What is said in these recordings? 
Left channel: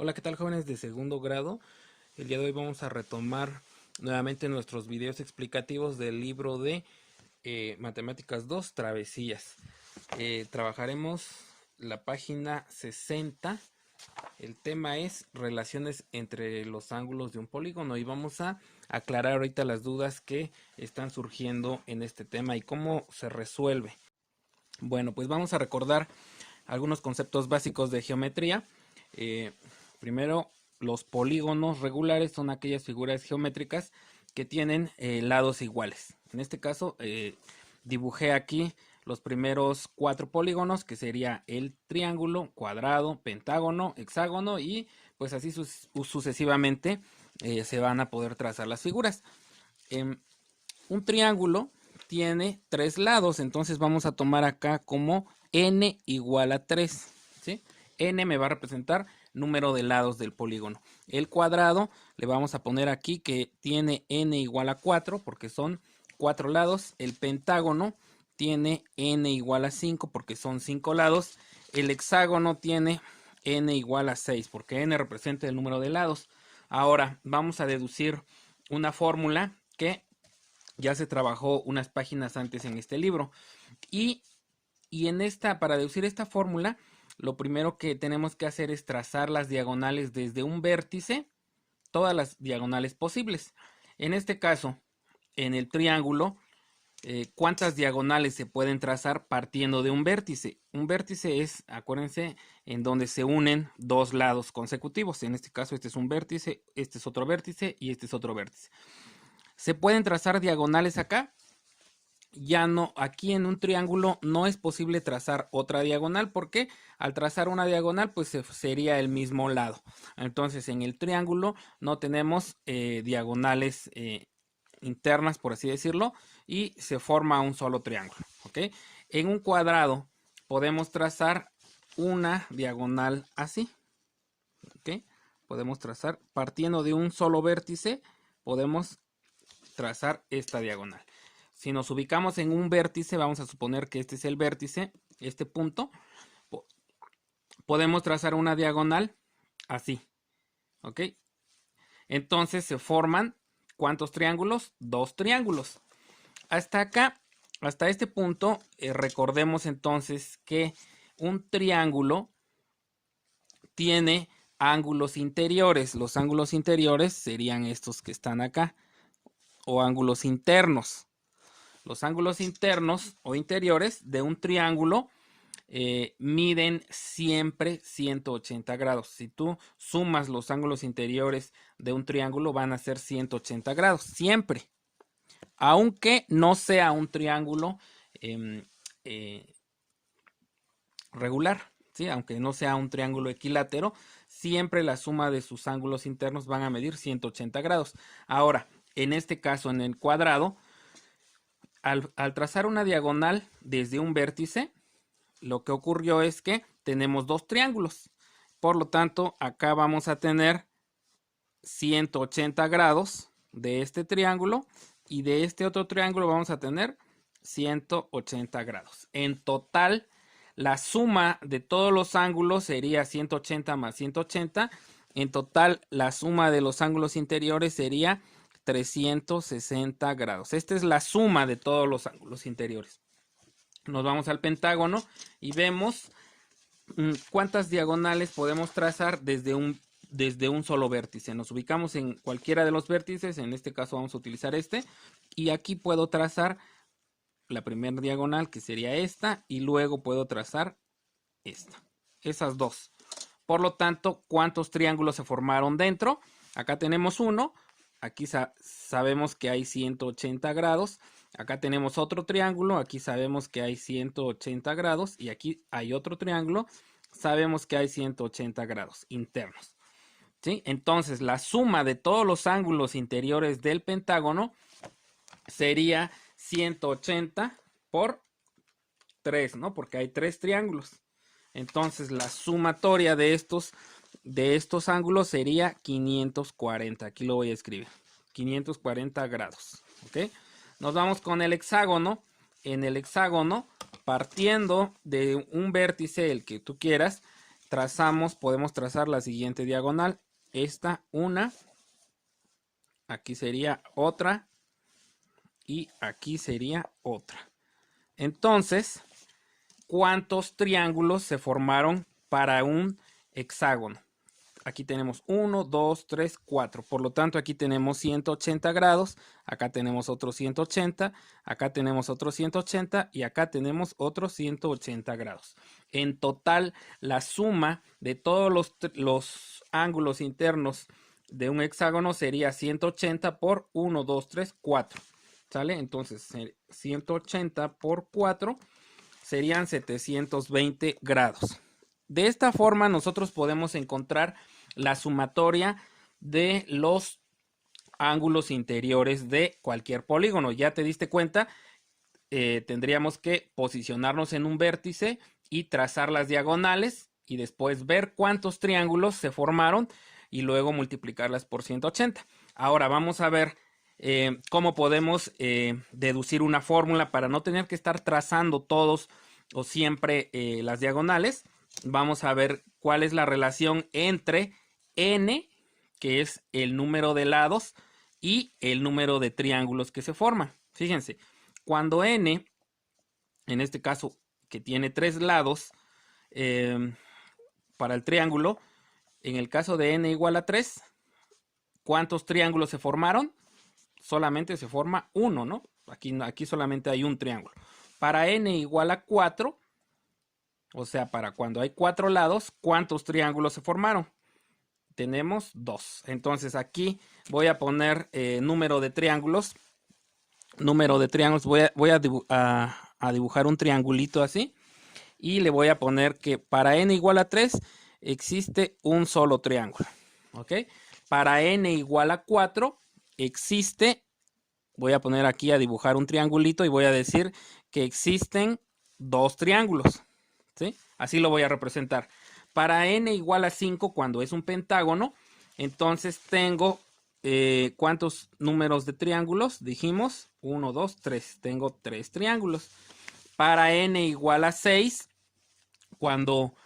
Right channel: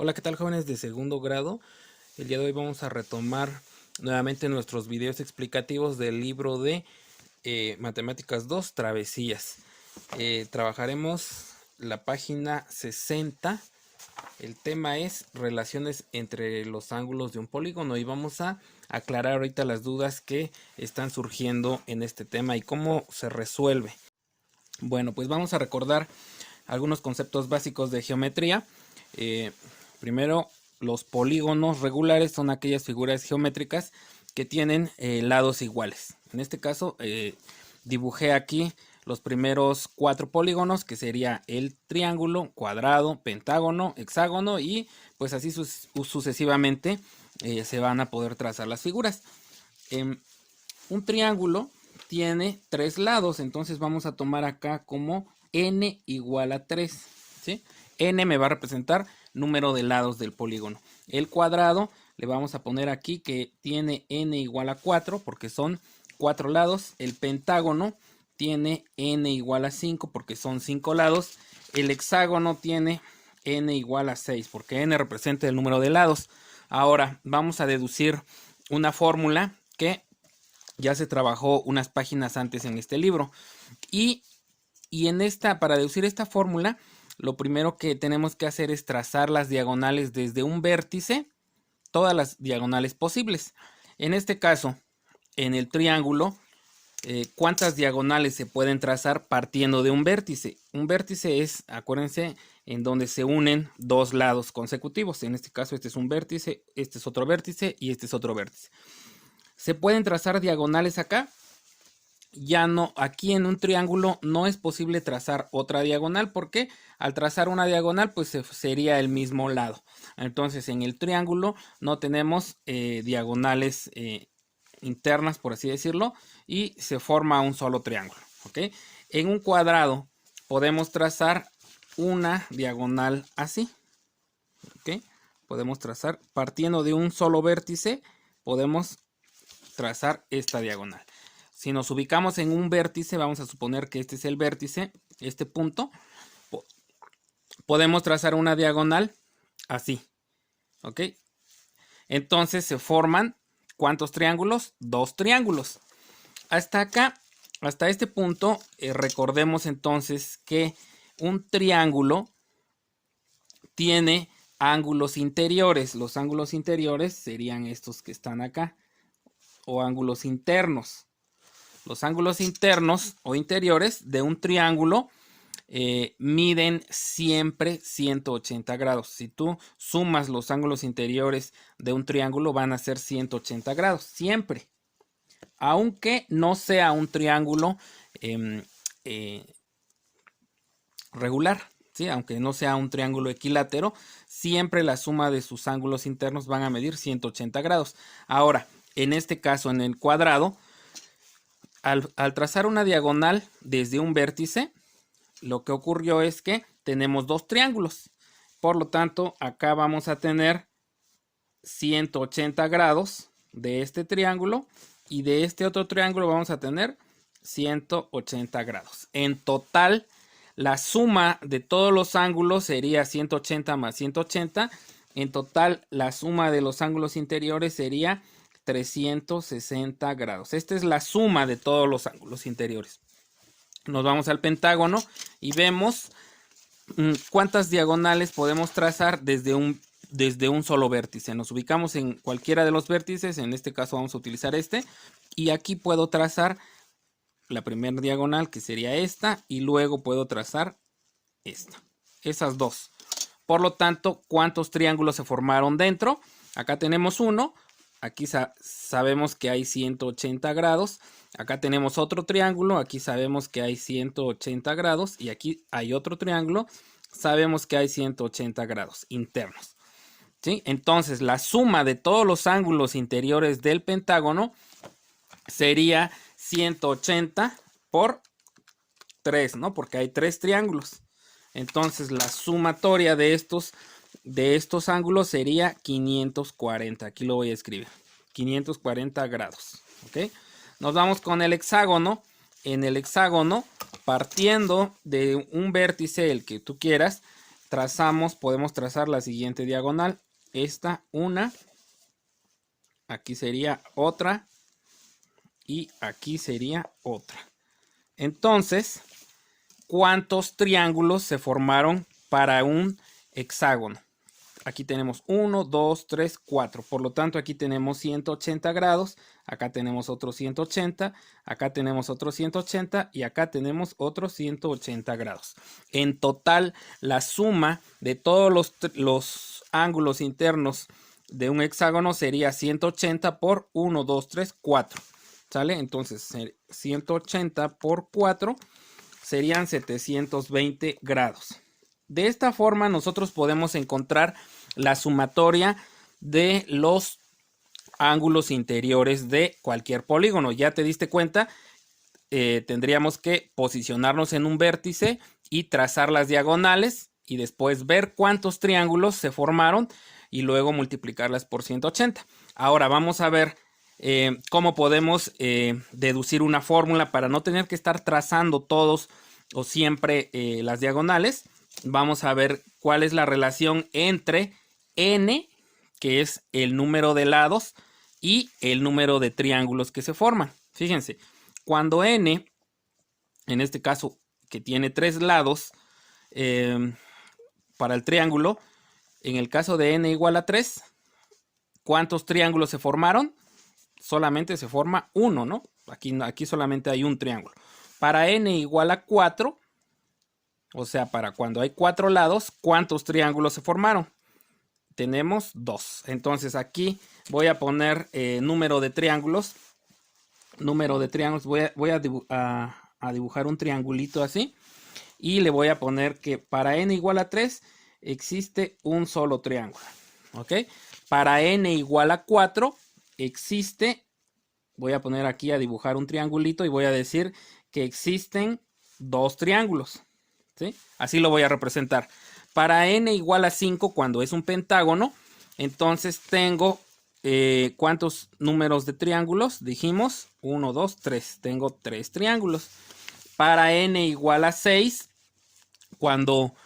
Hola, ¿qué tal, jóvenes de segundo grado? El día de hoy vamos a retomar nuevamente nuestros videos explicativos del libro de Matemáticas 2, Travesías. Trabajaremos la página 60. El tema es relaciones entre los ángulos de un polígono y vamos a aclarar ahorita las dudas que están surgiendo en este tema y cómo se resuelve. Bueno, pues vamos a recordar algunos conceptos básicos de geometría. Primero, los polígonos regulares son aquellas figuras geométricas que tienen lados iguales. En este caso, dibujé aquí los primeros 4 polígonos, que sería el triángulo, cuadrado, pentágono, hexágono, y pues así sucesivamente se van a poder trazar las figuras. Un triángulo tiene 3 lados, entonces vamos a tomar acá como n igual a 3, ¿sí? N me va a representar número de lados del polígono. El cuadrado le vamos a poner aquí que tiene n igual a 4 porque son 4 lados. El pentágono tiene n igual a 5 porque son 5 lados. El hexágono tiene n igual a 6 porque n representa el número de lados. Ahora vamos a deducir una fórmula que ya se trabajó unas páginas antes en este libro. Y para deducir esta fórmula, lo primero que tenemos que hacer es trazar las diagonales desde un vértice, todas las diagonales posibles. En este caso, en el triángulo, ¿cuántas diagonales se pueden trazar partiendo de un vértice? Un vértice es, acuérdense, en donde se unen dos lados consecutivos. En este caso, este es un vértice, este es otro vértice y este es otro vértice. ¿Se pueden trazar diagonales acá? Ya no, aquí en un triángulo no es posible trazar otra diagonal porque al trazar una diagonal pues sería el mismo lado. Entonces en el triángulo no tenemos diagonales internas, por así decirlo, y se forma un solo triángulo, ¿ok? En un cuadrado podemos trazar una diagonal así, ¿ok? Podemos trazar partiendo de un solo vértice, podemos trazar esta diagonal. Si nos ubicamos en un vértice, vamos a suponer que este es el vértice, este punto, podemos trazar una diagonal así, ¿ok? Entonces se forman, ¿cuántos triángulos? 2 triángulos. Hasta acá, hasta este punto, recordemos entonces que un triángulo tiene ángulos interiores. Los ángulos interiores serían estos que están acá, o ángulos internos. Los ángulos internos o interiores de un triángulo miden siempre 180 grados. Si tú sumas los ángulos interiores de un triángulo van a ser 180 grados, siempre. Aunque no sea un triángulo eh, regular, ¿sí? Aunque no sea un triángulo equilátero, siempre la suma de sus ángulos internos van a medir 180 grados. Ahora, en este caso, en el cuadrado, al trazar una diagonal desde un vértice, lo que ocurrió es que tenemos 2 triángulos. Por lo tanto, acá vamos a tener 180 grados de este triángulo y de este otro triángulo vamos a tener 180 grados. En total, la suma de todos los ángulos sería 180 más 180. En total, la suma de los ángulos interiores sería 360 grados. Esta es la suma de todos los ángulos interiores. Nos vamos al pentágono y vemos cuántas diagonales podemos trazar desde un solo vértice. Nos ubicamos en cualquiera de los vértices, en este caso vamos a utilizar este, y aquí puedo trazar la primera diagonal, que sería esta, y luego puedo trazar esta, esas dos. Por lo tanto, ¿cuántos triángulos se formaron dentro? Acá tenemos uno, aquí sabemos que hay 180 grados, acá tenemos otro triángulo, aquí sabemos que hay 180 grados, y aquí hay otro triángulo, sabemos que hay 180 grados internos. ¿Sí? Entonces, la suma de todos los ángulos interiores del pentágono sería 180 por 3, ¿no? Porque hay 3 triángulos. Entonces, la sumatoria de estos ángulos sería 540. Aquí lo voy a escribir. 540 grados. ¿Ok? Nos vamos con el hexágono. En el hexágono, partiendo de un vértice, el que tú quieras, podemos trazar la siguiente diagonal. Esta una, aquí sería otra y aquí sería otra. Entonces, ¿cuántos triángulos se formaron para un hexágono? Aquí tenemos 1, 2, 3, 4. Por lo tanto, aquí tenemos 180 grados. Acá tenemos otros 180. Acá tenemos otros 180. Y acá tenemos otros 180 grados. En total, la suma de todos los ángulos internos de un hexágono sería 180 por 1, 2, 3, 4. ¿Sale? Entonces, 180 por 4 serían 720 grados. De esta forma nosotros podemos encontrar la sumatoria de los ángulos interiores de cualquier polígono. Ya te diste cuenta, tendríamos que posicionarnos en un vértice y trazar las diagonales y después ver cuántos triángulos se formaron y luego multiplicarlas por 180. Ahora vamos a ver cómo podemos deducir una fórmula para no tener que estar trazando todos o siempre las diagonales. Vamos a ver cuál es la relación entre n, que es el número de lados, y el número de triángulos que se forman. Fíjense, cuando n, en este caso que tiene 3 lados, para el triángulo, en el caso de n igual a 3, ¿cuántos triángulos se formaron? Solamente se forma uno, ¿no? Aquí solamente hay un triángulo. Para n igual a 4, o sea, para cuando hay 4 lados, ¿cuántos triángulos se formaron? Tenemos 2. Entonces aquí voy a poner número de triángulos. Número de triángulos. Voy a dibujar un triangulito así. Y le voy a poner que para n igual a 3 existe un solo triángulo. ¿Ok? Para n igual a 4 existe, voy a poner aquí a dibujar un triangulito y voy a decir que existen 2 triángulos. ¿Sí? Así lo voy a representar. Para n igual a 5, cuando es un pentágono, entonces tengo ¿cuántos números de triángulos? Dijimos 1, 2, 3. Tengo 3 triángulos. Para n igual a 6, cuando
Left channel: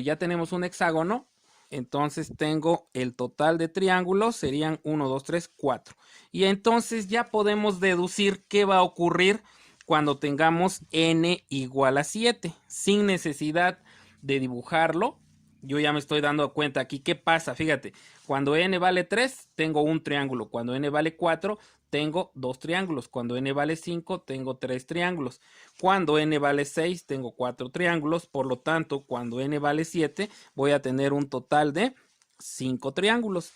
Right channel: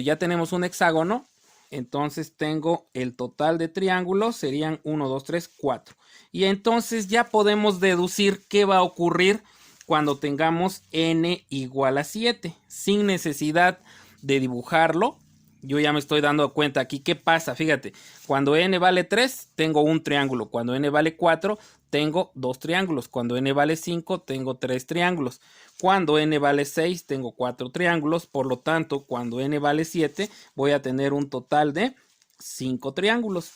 ya tenemos un hexágono, entonces tengo el total de triángulos, serían 1, 2, 3, 4. Y entonces ya podemos deducir qué va a ocurrir cuando tengamos n igual a 7, sin necesidad de dibujarlo. Yo ya me estoy dando cuenta aquí qué pasa. Fíjate, cuando n vale 3, tengo un triángulo. Cuando n vale 4, tengo 2 triángulos. Cuando n vale 5, tengo 3 triángulos. Cuando n vale 6, tengo 4 triángulos. Por lo tanto, cuando n vale 7, voy a tener un total de 5 triángulos.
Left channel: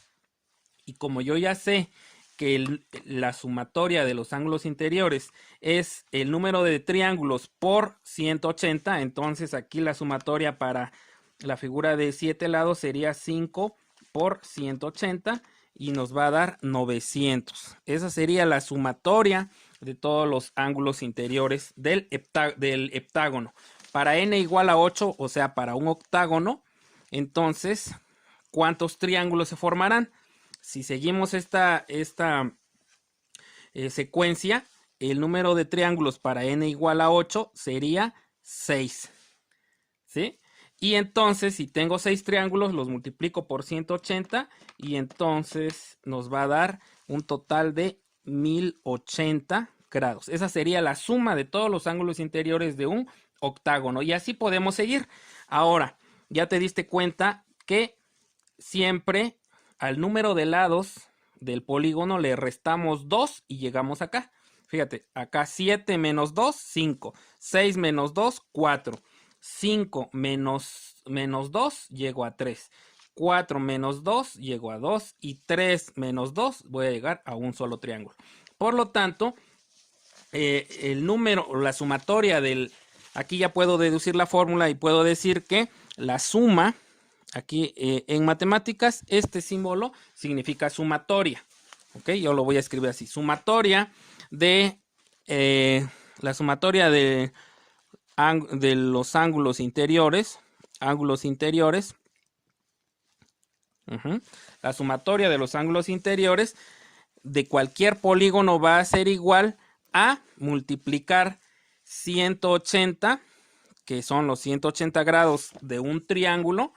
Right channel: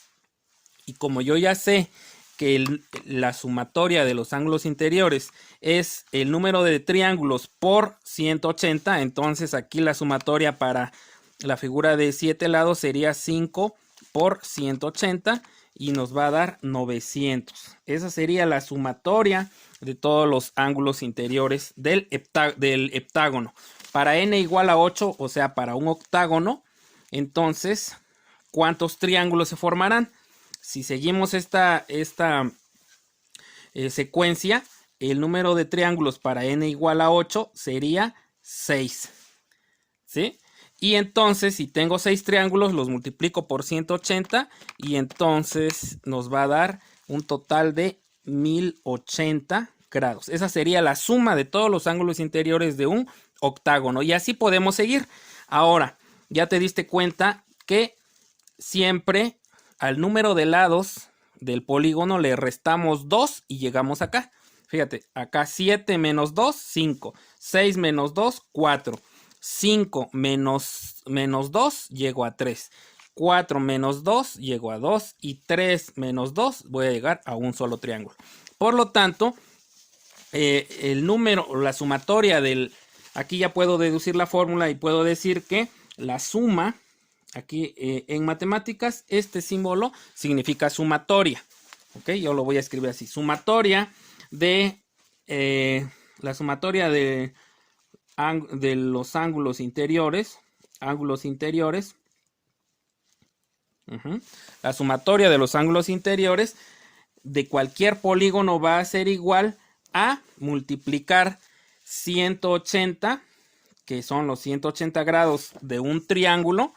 Y como yo ya sé que la sumatoria de los ángulos interiores es el número de triángulos por 180, entonces aquí la sumatoria para la figura de 7 lados sería 5 por 180 y nos va a dar 900. Esa sería la sumatoria de todos los ángulos interiores del heptágono. Para n igual a 8, o sea, para un octágono, entonces, ¿cuántos triángulos se formarán? Si seguimos esta secuencia, el número de triángulos para n igual a 8 sería 6. ¿Sí? Y entonces, si tengo 6 triángulos, los multiplico por 180 y entonces nos va a dar un total de 1080 grados. Esa sería la suma de todos los ángulos interiores de un octágono. Y así podemos seguir. Ahora, ya te diste cuenta que siempre al número de lados del polígono le restamos 2 y llegamos acá. Fíjate, acá 7 menos 2, 5. 6 menos 2, 4. 5 menos 2, llego a 3. 4 menos 2, llego a 2. Y 3 menos 2, voy a llegar a un solo triángulo. Por lo tanto, el número o la sumatoria del... Aquí ya puedo deducir la fórmula y puedo decir que la suma... Aquí en matemáticas este símbolo significa sumatoria. ¿Ok? Yo lo voy a escribir así. Sumatoria de... la sumatoria de los ángulos interiores. Ángulos interiores. La sumatoria de los ángulos interiores de cualquier polígono va a ser igual a multiplicar 180, que son los 180 grados de un triángulo,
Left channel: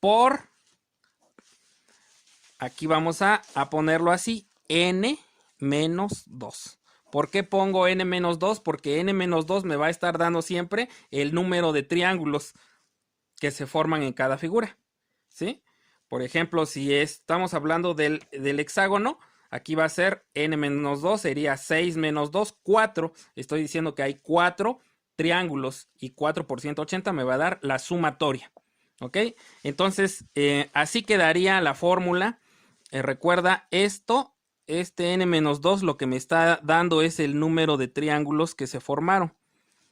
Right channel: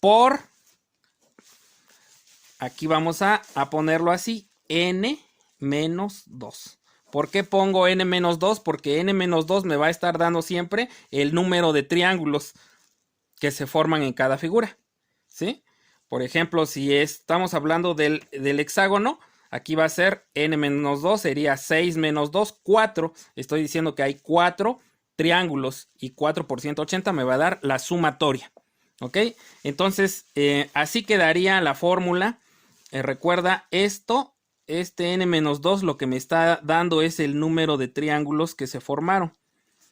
por, aquí vamos a ponerlo así, n menos 2. ¿Por qué pongo n menos 2? Porque n menos 2 me va a estar dando siempre el número de triángulos que se forman en cada figura, ¿sí? Por ejemplo, si estamos hablando del hexágono, aquí va a ser n menos 2, sería 6 menos 2, 4. Estoy diciendo que hay 4 triángulos y 4 por 180 me va a dar la sumatoria, ¿ok? Entonces, así quedaría la fórmula. Recuerda esto. Este n menos 2 lo que me está dando es el número de triángulos que se formaron.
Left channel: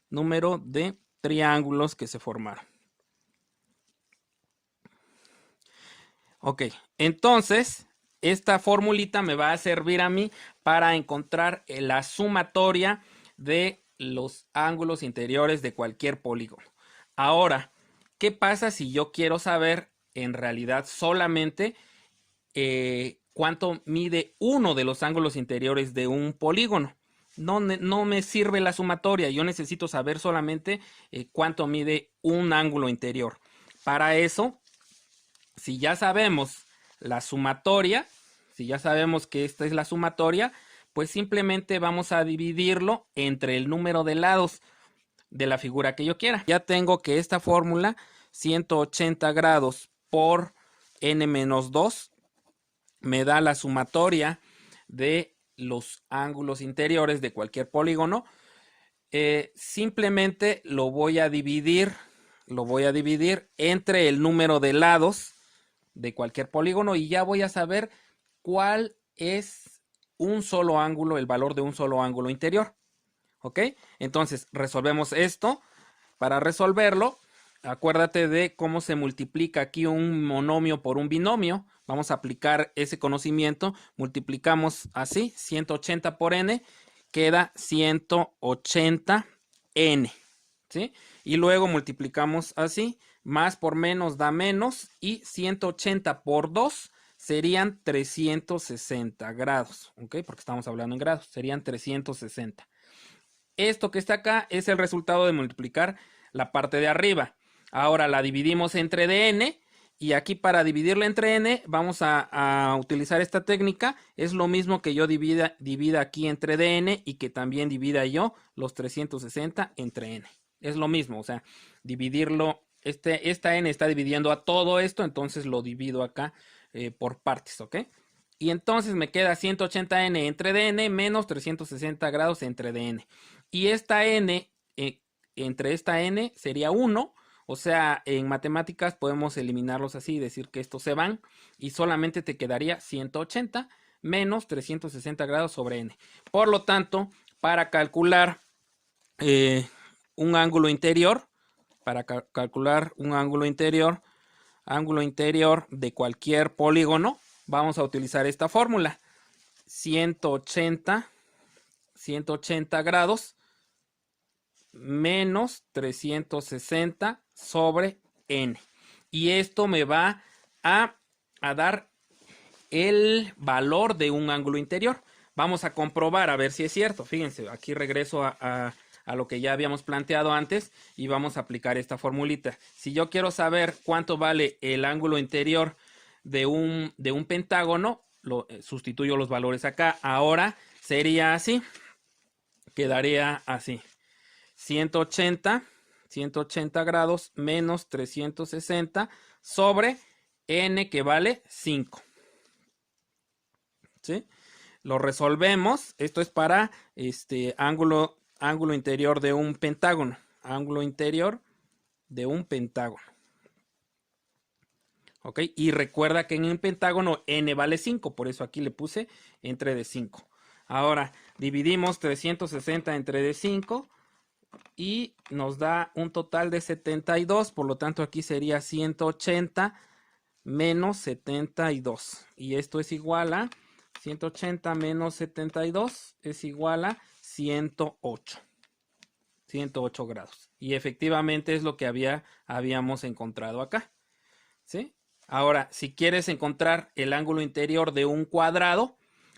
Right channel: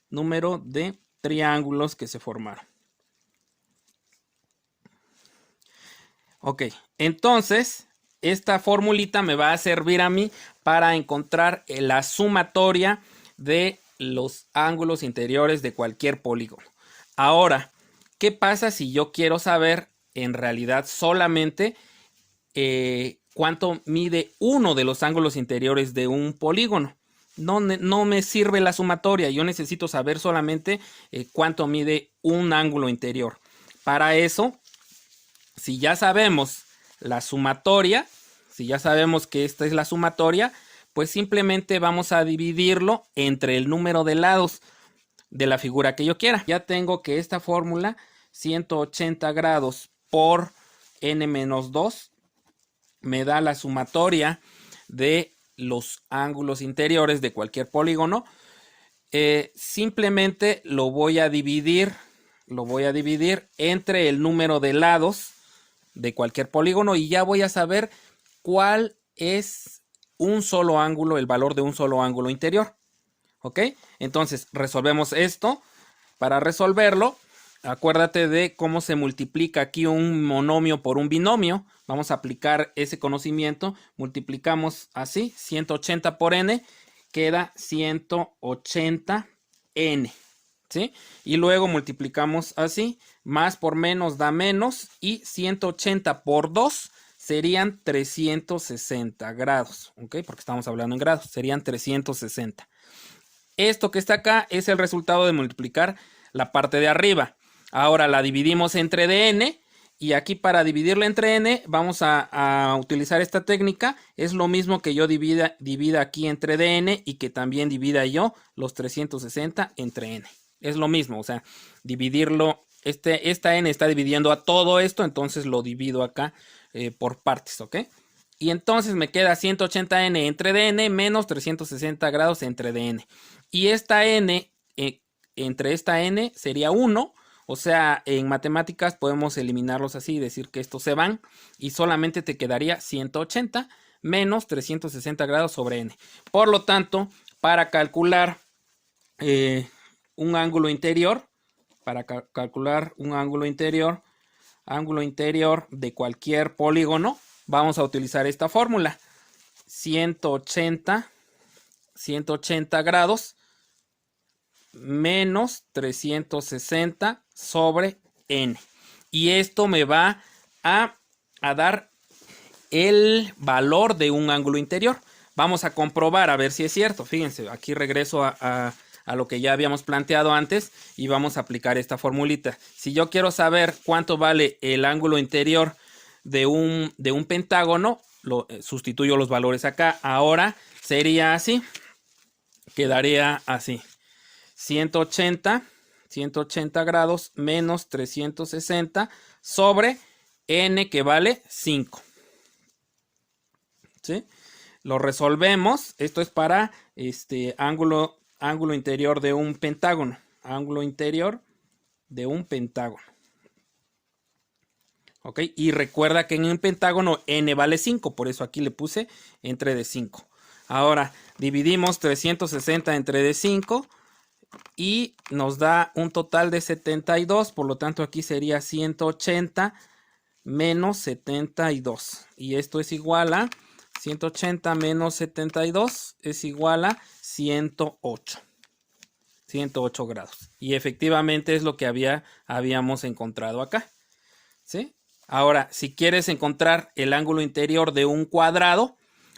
Número de triángulos que se formaron. Ok, entonces esta formulita me va a servir a mí para encontrar la sumatoria de los ángulos interiores de cualquier polígono. Ahora, ¿qué pasa si yo quiero saber en realidad solamente cuánto mide uno de los ángulos interiores de un polígono? No me sirve la sumatoria, yo necesito saber solamente cuánto mide un ángulo interior. Para eso, si ya sabemos la sumatoria, si ya sabemos que esta es la sumatoria, pues simplemente vamos a dividirlo entre el número de lados de la figura que yo quiera. Ya tengo que esta fórmula, 180 grados por n menos 2, me da la sumatoria de los ángulos interiores de cualquier polígono. Simplemente lo voy a dividir entre el número de lados de cualquier polígono y ya voy a saber cuál es un solo ángulo, el valor de un solo ángulo interior. ¿Ok? Entonces resolvemos esto. Para resolverlo, acuérdate de cómo se multiplica aquí un monomio por un binomio. Vamos a aplicar ese conocimiento. Multiplicamos así, 180 por n, queda 180n. ¿Sí? Y luego multiplicamos así, más por menos da menos, y 180 por 2 serían 360 grados, ¿ok? Porque estamos hablando en grados, serían 360. Esto que está acá es el resultado de multiplicar la parte de arriba. Ahora la dividimos entre dn, y aquí para dividirla entre n vamos a utilizar esta técnica. Es lo mismo que yo divida aquí entre dn y que también divida yo los 360 entre n. Es lo mismo, o sea, dividirlo, esta n está dividiendo a todo esto, entonces lo divido acá por partes, ¿ok? Y entonces me queda 180n entre dn menos 360 grados entre dn. Y esta n, entre esta n sería 1, o sea, en matemáticas podemos eliminarlos así y decir que estos se van, y solamente te quedaría 180 menos 360 grados sobre n. Por lo tanto, para calcular un ángulo interior, ángulo interior de cualquier polígono, vamos a utilizar esta fórmula. 180 grados menos 360 sobre n. Y esto me va a dar el valor de un ángulo interior. Vamos a comprobar a ver si es cierto. Fíjense, aquí regreso a lo que ya habíamos planteado antes y vamos a aplicar esta formulita. Si yo quiero saber cuánto vale el ángulo interior de un pentágono, sustituyo los valores acá. Ahora sería así. Quedaría así. 180 grados menos 360 sobre n, que vale 5. ¿Sí? Lo resolvemos. Esto es para ángulo interior de un pentágono. Ángulo interior de un pentágono. ¿Ok? Y recuerda que en un pentágono n vale 5. Por eso aquí le puse entre de 5. Ahora dividimos 360 entre de 5 y nos da un total de 72. Por lo tanto aquí sería 180 menos 72. Y esto es igual a 180 menos 72 es igual a 108. 108 grados. Y efectivamente es lo que habíamos encontrado acá. ¿Sí? Ahora, si quieres encontrar el ángulo interior de un cuadrado,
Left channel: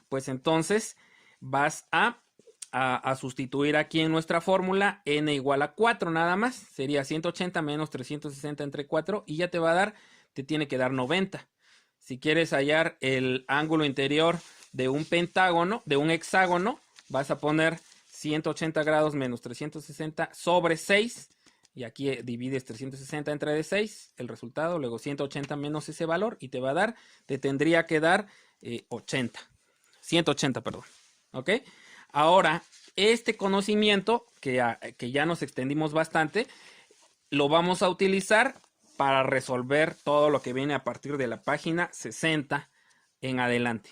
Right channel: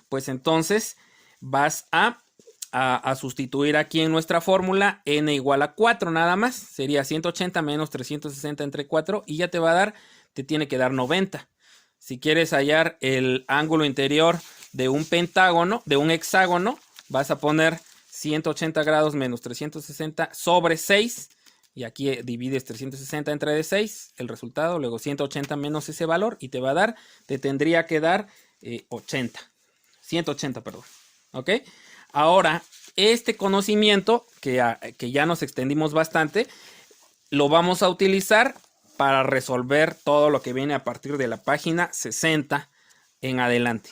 pues entonces vas a a sustituir aquí en nuestra fórmula n igual a 4 nada más. Sería 180 menos 360 entre 4 y ya te tiene que dar 90. Si quieres hallar el ángulo interior de un pentágono, de un hexágono, vas a poner 180 grados menos 360 sobre 6. Y aquí divides 360 entre 6, el resultado, luego 180 menos ese valor y te tendría que dar 180, perdón. ¿Ok? Ahora, este conocimiento, que ya nos extendimos bastante, lo vamos a utilizar para resolver todo lo que viene a partir de la página 60 en adelante.